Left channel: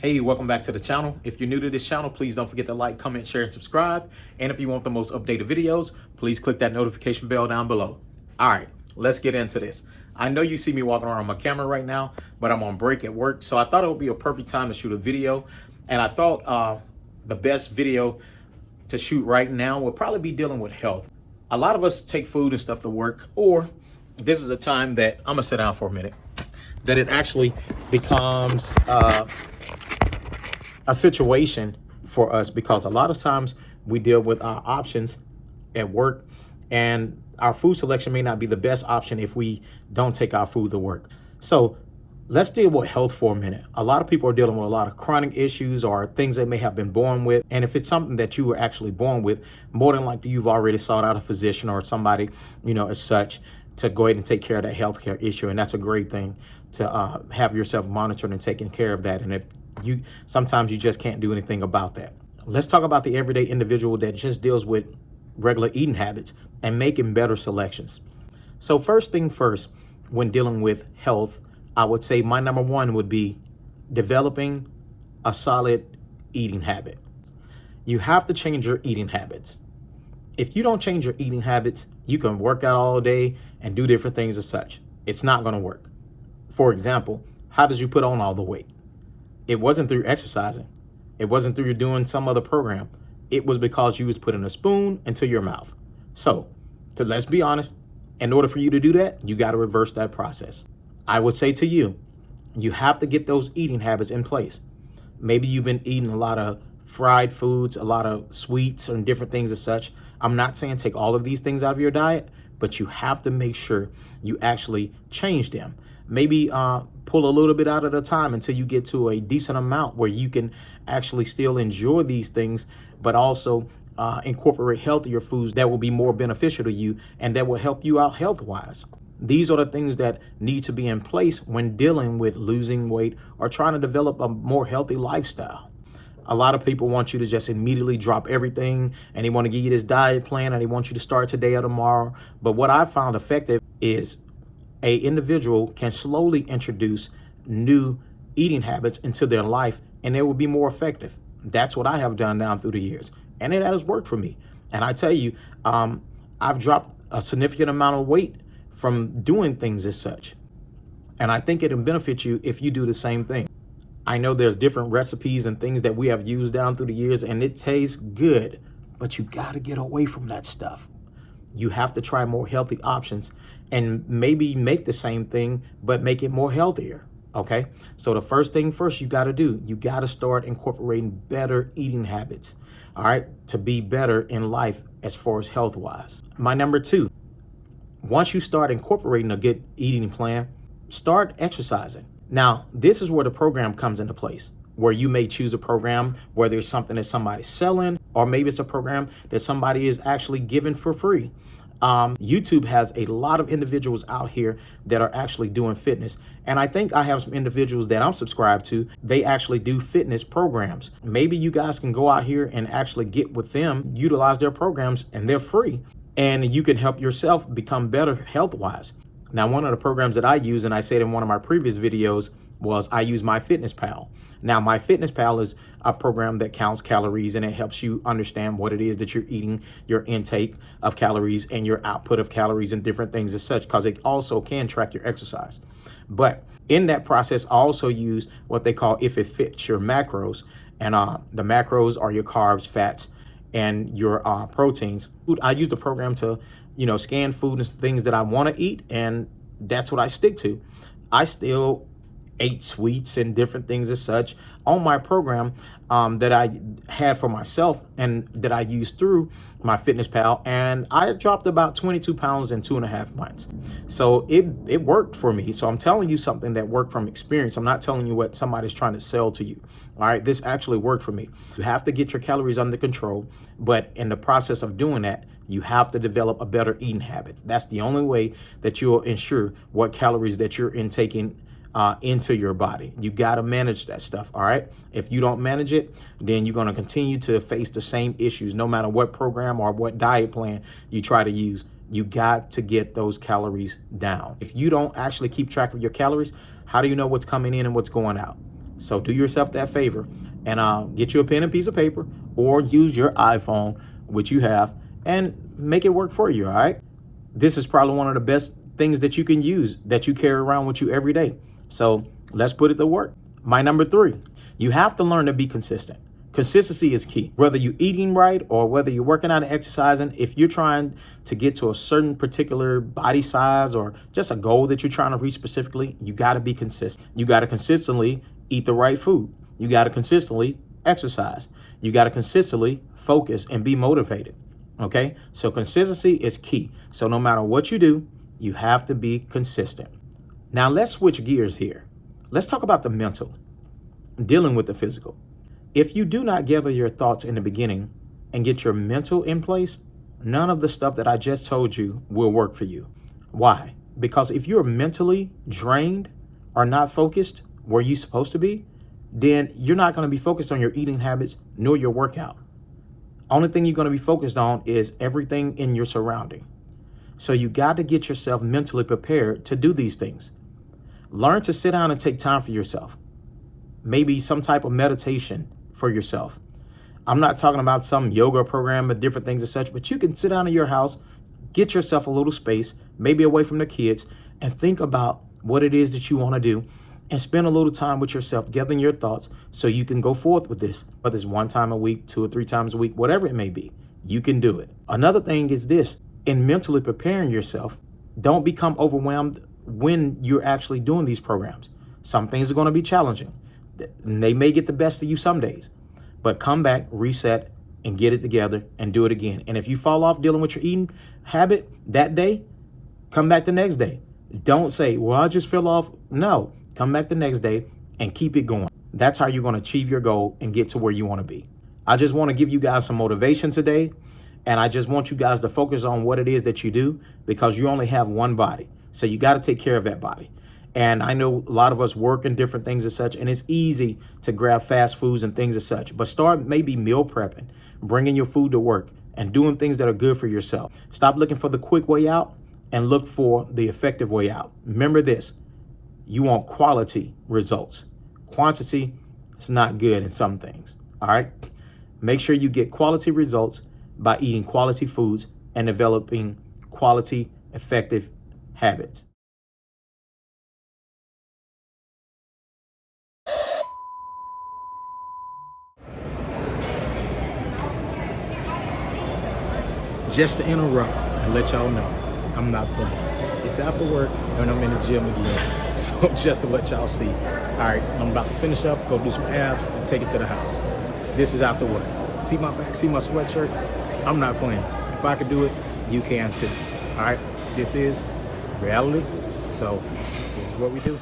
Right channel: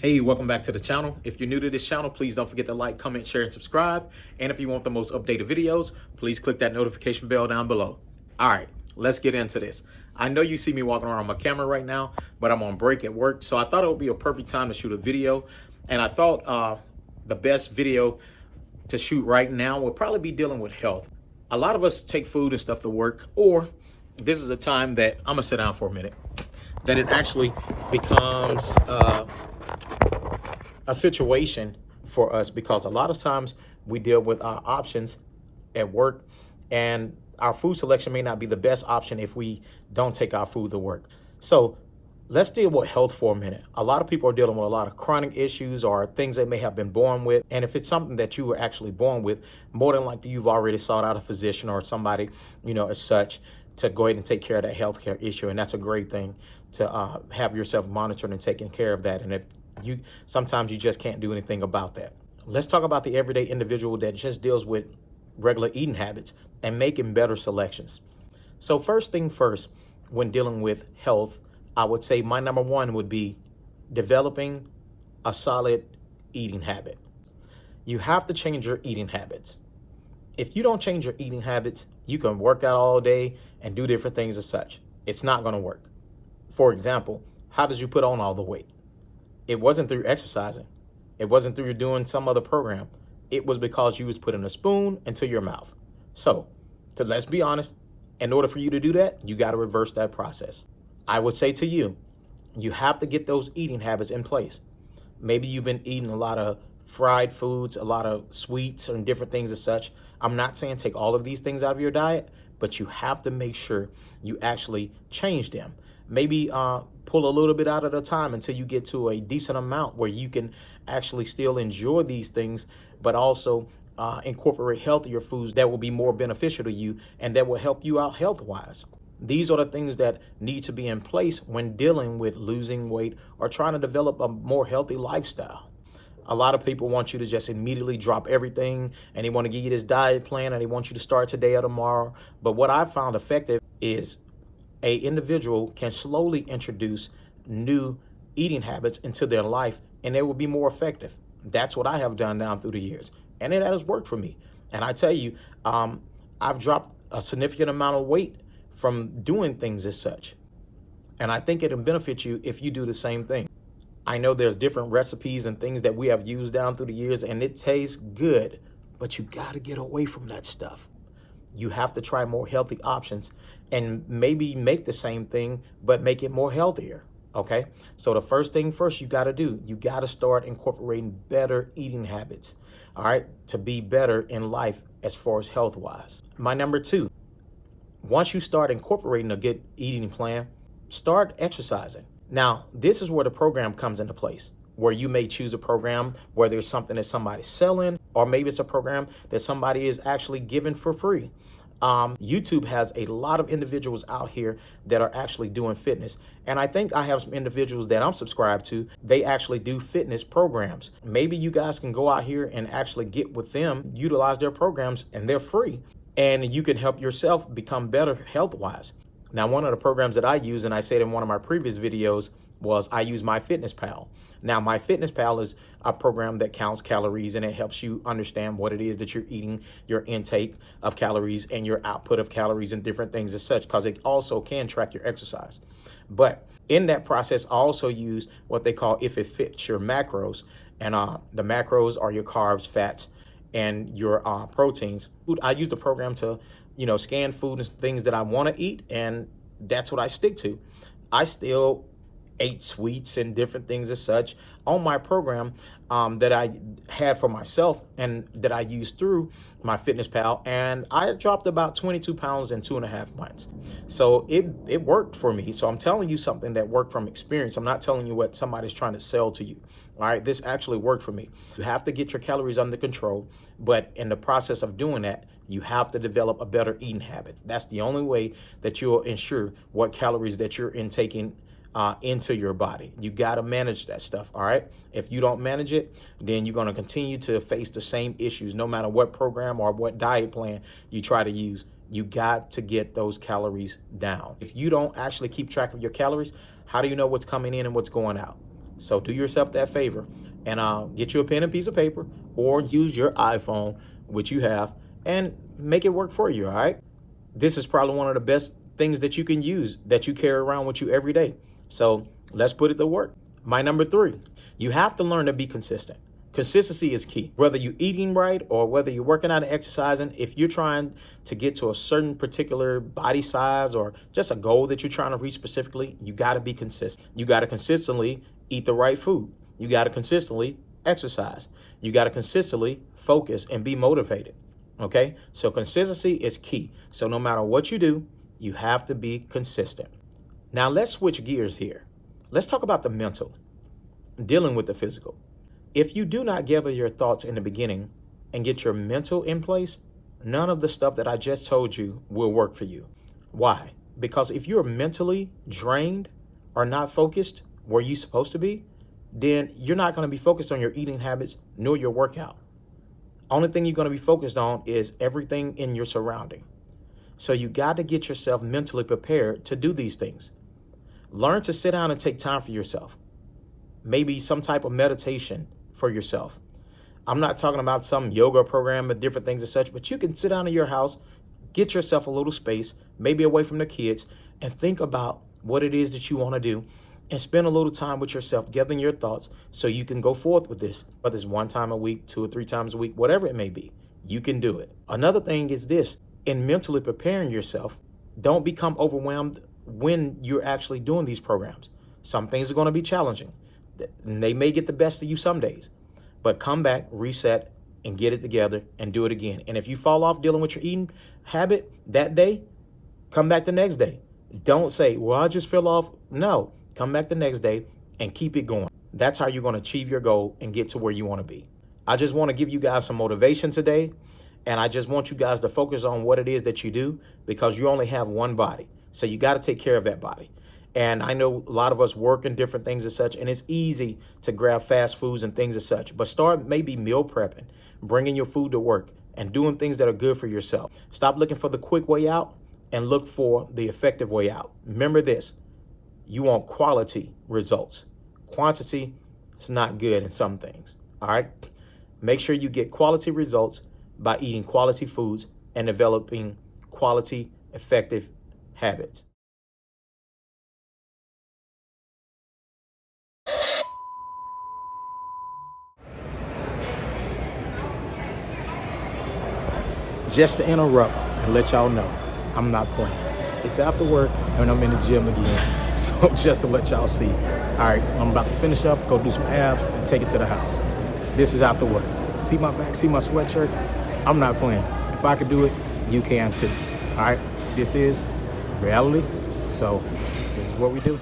Hey, welcome back to the channel. If you're new to this channel, please don't forget to like, comment, share, and subscribe. And if you want the most updated videos, please click that notification bell down below. All right, let's get into this. I know you see me walking around my camera right now, but I'm on break at work. So I thought it would be a perfect time to shoot a video. And I thought the best video to shoot right now would probably be dealing with health. A lot of us take food and stuff to work, or this is a time that I'm gonna sit down for a minute, that it actually becomes a situation for us, because a lot of times we deal with our options at work, and our food selection may not be the best option if we don't take our food to work. So let's deal with health for a minute. A lot of people are dealing with a lot of chronic issues or things they may have been born with. And if it's something that you were actually born with, more than likely you've already sought out a physician or somebody, as such, to go ahead and take care of that healthcare issue. And that's a great thing to have yourself monitored and taking care of that. And if sometimes you just can't do anything about that. Let's talk about the everyday individual that just deals with regular eating habits and making better selections. So first thing first, when dealing with health, I would say my number one would be developing a solid eating habit. You have to change your eating habits. If you don't change your eating habits, you can work out all day and do different things as such. It's not going to work. For example, how did you put on all the weight? It wasn't through exercising. It wasn't through doing some other program. It was because you was putting a spoon into your mouth. So let's be honest, in order for you to do that, you got to reverse that process. I would say to you, you have to get those eating habits in place. Maybe you've been eating a lot of fried foods, a lot of sweets and different things as such. I'm not saying take all of these things out of your diet, but you have to make sure you actually change them. Maybe pull a little bit out at a time until you get to a decent amount where you can actually still enjoy these things, but also incorporate healthier foods that will be more beneficial to you and that will help you out health-wise. These are the things that need to be in place when dealing with losing weight or trying to develop a more healthy lifestyle. A lot of people want you to just immediately drop everything, and they want to give you this diet plan, and they want you to start today or tomorrow. But what I found effective is a individual can slowly introduce new eating habits into their life, and they will be more effective. That's what I have done down through the years, and it has worked for me. And I tell you, I've dropped a significant amount of weight from doing things as such. And I think it'll benefit you if you do the same thing. I know there's different recipes and things that we have used down through the years, and it tastes good, but you got to get away from that stuff. You have to try more healthy options and maybe make the same thing, but make it more healthier. Okay. So the first thing first you got to do, you got to start incorporating better eating habits. All right. To be better in life as far as health wise. My number two, once you start incorporating a good eating plan, start exercising. Now, this is where the program comes into place, where you may choose a program, whether it's something that somebody's selling, or maybe it's a program that somebody is actually giving for free. YouTube has a lot of individuals out here that are actually doing fitness. And I think I have some individuals that I'm subscribed to. They actually do fitness programs. Maybe you guys can go out here and actually get with them, utilize their programs, and they're free. And you can help yourself become better health-wise. Now, one of the programs that I use, and I said in one of my previous videos, was I use MyFitnessPal. Now, MyFitnessPal is a program that counts calories, and it helps you understand what it is that you're eating, your intake of calories and your output of calories and different things as such, because it also can track your exercise. But in that process, I also use what they call If It Fits Your macros. And the macros are your carbs, fats, and your proteins. I use the program to, scan food and things that I want to eat, and that's what I stick to. I still ate sweets and different things as such on my program that I had for myself and that I used through MyFitnessPal, and I dropped about 22 pounds in 2.5 months. So it worked for me. So I'm telling you something that worked from experience. I'm not telling you what somebody's trying to sell to you. All right, this actually worked for me. You have to get your calories under control, but in the process of doing that, you have to develop a better eating habit. That's the only way that you'll ensure what calories that you're intaking into your body. You got to manage that stuff. All right. If you don't manage it, then you're going to continue to face the same issues, no matter what program or what diet plan you try to use. You got to get those calories down. If you don't actually keep track of your calories, how do you know what's coming in and what's going out? So do yourself that favor and get you a pen and piece of paper, or use your iPhone, which you have, and make it work for you, all right? This is probably one of the best things that you can use, that you carry around with you every day. So let's put it to work. My number 3, you have to learn to be consistent. Consistency is key. Whether you're eating right or whether you're working out and exercising, if you're trying to get to a certain particular body size or just a goal that you're trying to reach specifically, you got to be consistent. You got to consistently eat the right food. You got to consistently exercise. You got to consistently focus and be motivated. Okay? So consistency is key. So no matter what you do, you have to be consistent. Now let's switch gears here. Let's talk about the mental, dealing with the physical. If you do not gather your thoughts in the beginning and get your mental in place, none of the stuff that I just told you will work for you. Why? Because if you're mentally drained or not focused where you're supposed to be, then you're not going to be focused on your eating habits nor your workout. Only thing you're going to be focused on is everything in your surrounding. So you got to get yourself mentally prepared to do these things. Learn to sit down and take time for yourself. Maybe some type of meditation for yourself. I'm not talking about some yoga program or different things and such, but you can sit down in your house, get yourself a little space, maybe away from the kids, and think about what it is that you want to do and spend a little time with yourself, gathering your thoughts so you can go forth with this. Whether it's 1 time a week, 2 or 3 times a week, whatever it may be, you can do it. Another thing is this: in mentally preparing yourself, don't become overwhelmed when you're actually doing these programs. Some things are going to be challenging. They may get the best of you some days, but come back, reset, and get it together and do it again. And if you fall off dealing with your eating habit that day, come back the next day. Don't say, well, I just fell off. No, come back the next day and keep it going. That's how you're going to achieve your goal and get to where you want to be. I just want to give you guys some motivation today. And I just want you guys to focus on what it is that you do, because you only have one body. So you got to take care of that body. And I know a lot of us work in different things and such, and it's easy to grab fast foods and things and such. But start maybe meal prepping, bringing your food to work, and doing things that are good for yourself. Stop looking for the quick way out and look for the effective way out. Remember this: you want quality results. Quantity is not good in some things. All right? Make sure you get quality results by eating quality foods and developing quality, effective habits. Just to interrupt and let y'all know, I'm not playing. It's after work and I'm in the gym again. So just to let y'all see. All right, I'm about to finish up, go do some abs, and take it to the house. This is after work. See my back, see my sweatshirt? I'm not playing. If I could do it, you can too. All right, this is reality. So this is what we do.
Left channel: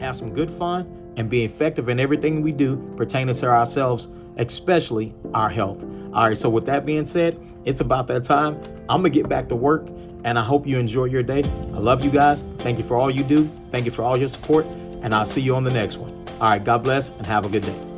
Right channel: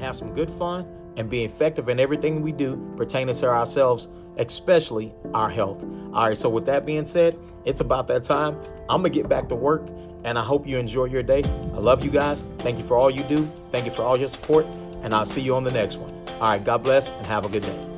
Have some good fun and be effective in everything we do pertaining to ourselves, especially our health. All right, so with that being said, it's about that time. I'm going to get back to work, and I hope you enjoy your day. I love you guys. Thank you for all you do. Thank you for all your support, and I'll see you on the next one. All right, God bless, and have a good day.